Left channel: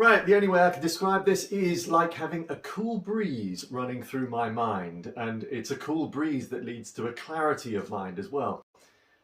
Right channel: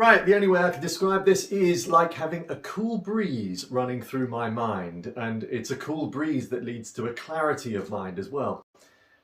Right, the only way I can describe this is like having a cool breeze running through my mind, and it's a cool breeze that leads to a clarity of mind as well.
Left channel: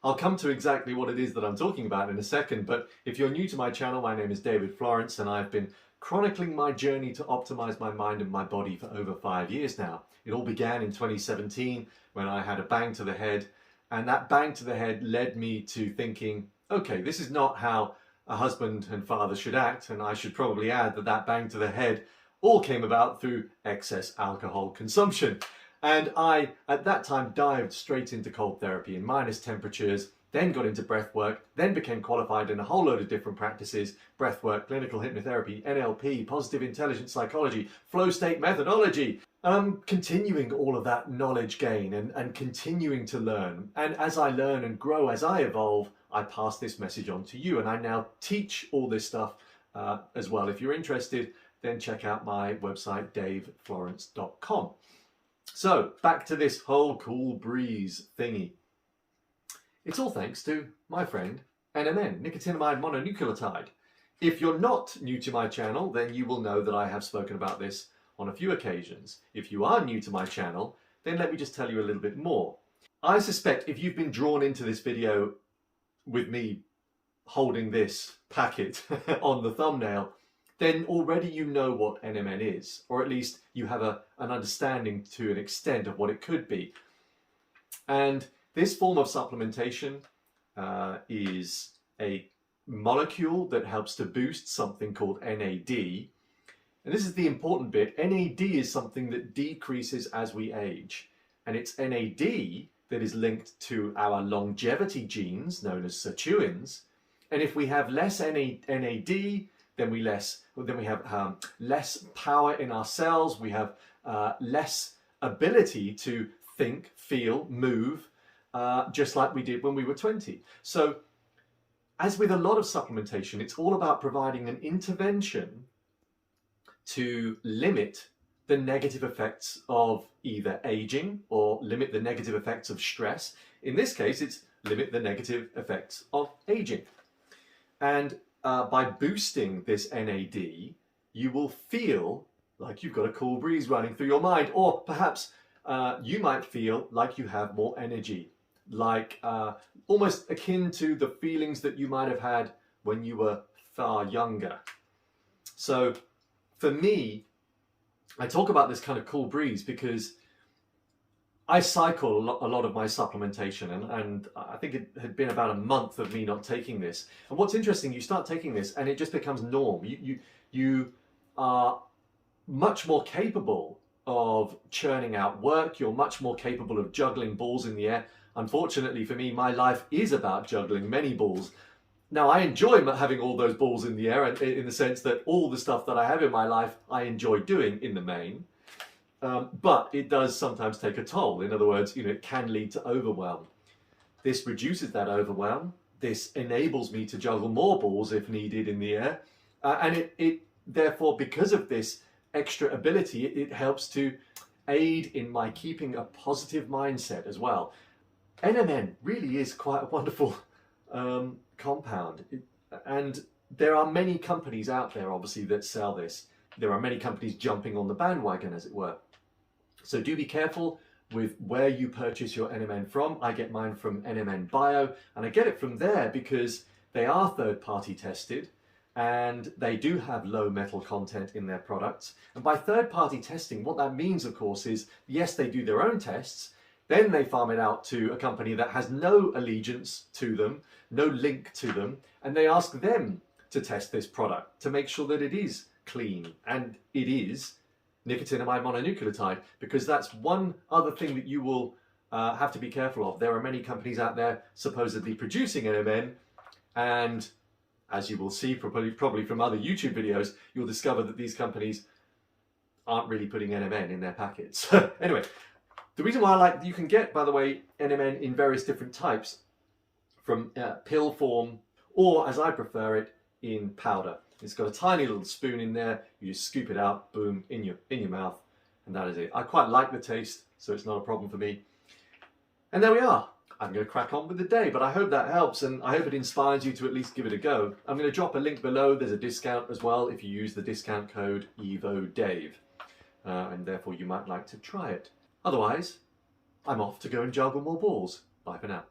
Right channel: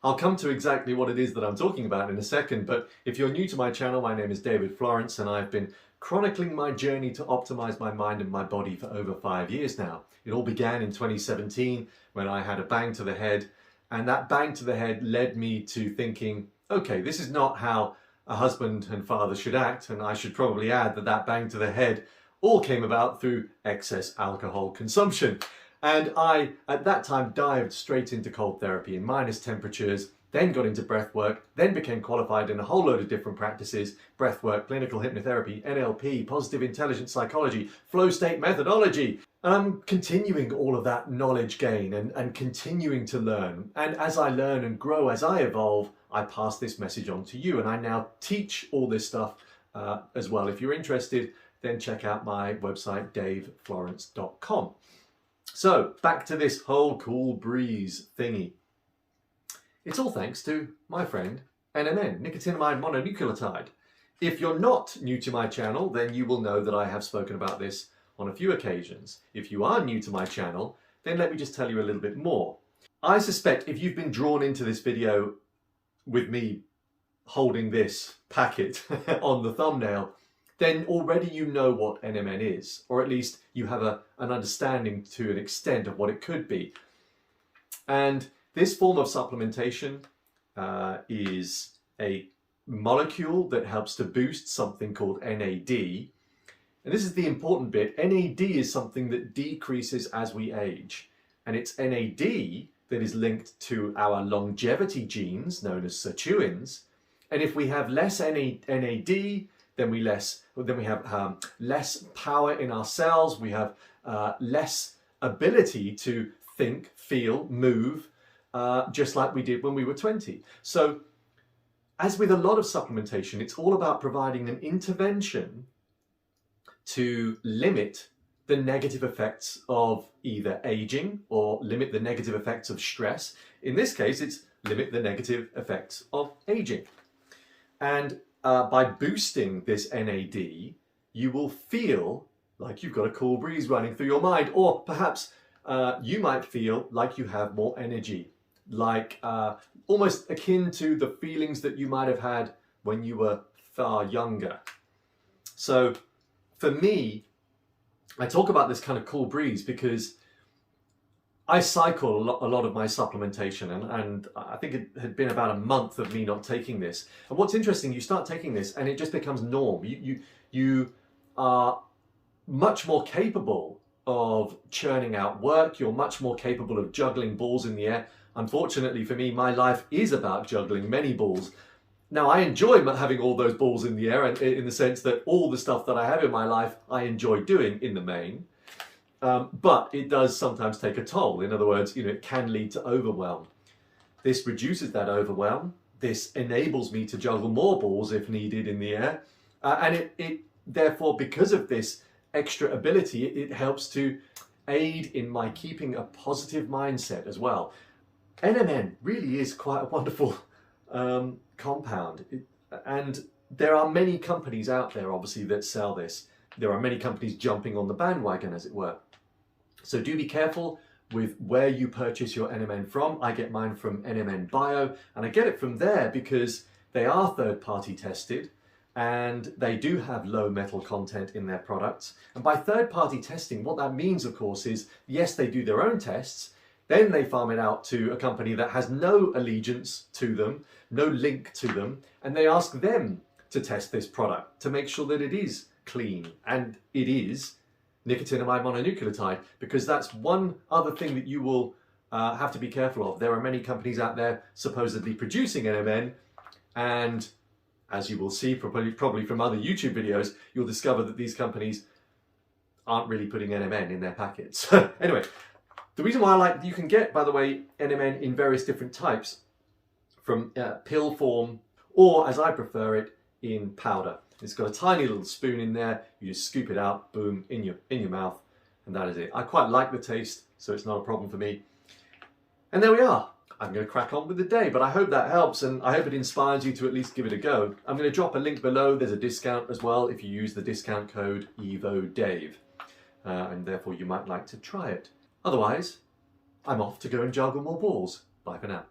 I'll come to exactly what it is that I'm talking about in a second, but if you're new to my channel, my name is David Florence and I've been chronicling my journey to optimize my mind and my body for over 5 years now. It all began in 2017 when I had a bang to the head, and that bang to the head led me to thinking, okay, this is not how a husband and father should act, and I should probably add that that bang to the head all came about through excess alcohol consumption. And I, at that time, dived straight into cold therapy in minus temperatures, then got into breath work, then became qualified in a whole load of different practices: breath work, clinical hypnotherapy, NLP, positive intelligence psychology, flow state methodology. And I'm continuing all of that knowledge gain and continuing to learn. And as I learn and grow, as I evolve, I pass this message on to you. And I now teach all this stuff as well. If you're interested, then check out my website, daveflorence.com. So back to this whole cool breeze thingy. It's all thanks to my friend NMN, nicotinamide mononucleotide. If you're not new to my channel, then you will know that I have spoken about this on a few occasions. If you are new to my channel, then let me just tell you a little bit more. I suspect if you've been drawn into this video with me holding this packet on the thumbnail, then already you know what NMN is, or at least you have an understanding to an extent of what it could be. And this form of supplementation is a molecule that helps to boost something called NAD. And this is the important bit. NAD is something that decreases as we age. And it's NAD that is linked to our longevity genes, known as sirtuins. And if we have less NAD, then we have less power in our cells. We have less ability to think, feel, move, just like we did when we were 20. So, as with a lot of supplementation, it's all about providing an intervention to limit the negative effects of either aging or limit the negative effects of stress. In this case, it's limit the negative effects of aging. And by boosting this NAD, you will feel like you've got a cool breeze running through your mind, or perhaps you might feel like you have more energy, like almost akin to the feelings that you might have had when you were far younger. So for me, I talk about this kind of cool breeze because I cycle a lot of my supplementation, and I think it had been about a month of me not taking this. And what's interesting, you start taking this and it just becomes norm. You are much more capable of churning out work. You're much more capable of juggling balls in the air. Unfortunately for me, my life is about juggling many balls. Now, I enjoy having all those balls in the air, and in the sense that all the stuff that I have in my life, I enjoy doing in the main. But it does sometimes take a toll. In other words, it can lead to overwhelm. This reduces that overwhelm. This enables me to juggle more balls if needed in the air. And it therefore, because of this extra ability, it helps to aid in my keeping a positive mindset as well. NMN really is quite a wonderful compound. And there are many companies out there, obviously, that sell this. There are many companies jumping on the bandwagon, as it were. So do be careful with where you purchase your NMN from. I get mine from NMN Bio, and I get it from there because they are third-party tested and they do have low metal content in their products. And by third-party testing, what that means, of course, is yes, they do their own tests, then they farm it out to a company that has no allegiance to them, no link to them, and they ask them to test this product to make sure that it is clean, and it is nicotinamide mononucleotide, because that's one other thing that you will have to be careful of. There are many companies out there supposedly producing NMN, and as you will see probably from other YouTube videos, you'll discover that these companies aren't really putting NMN in their packets. Anyway, the reason why you can get, by the way, NMN in various different types, from pill form, or as I prefer it, in powder. It's got a tiny little spoon in there. You just scoop it out, boom, in your mouth, and that is it. I quite like the taste, so it's not a problem for me. And there we are. I'm going to crack on with the day, but I hope that helps and I hope it inspires you to at least give it a go. I'm going to drop a link below. There's a discount as well if you use the discount code EVODAVE, and therefore you might like to try it. Otherwise, I'm off to go and juggle more balls. Bye for now.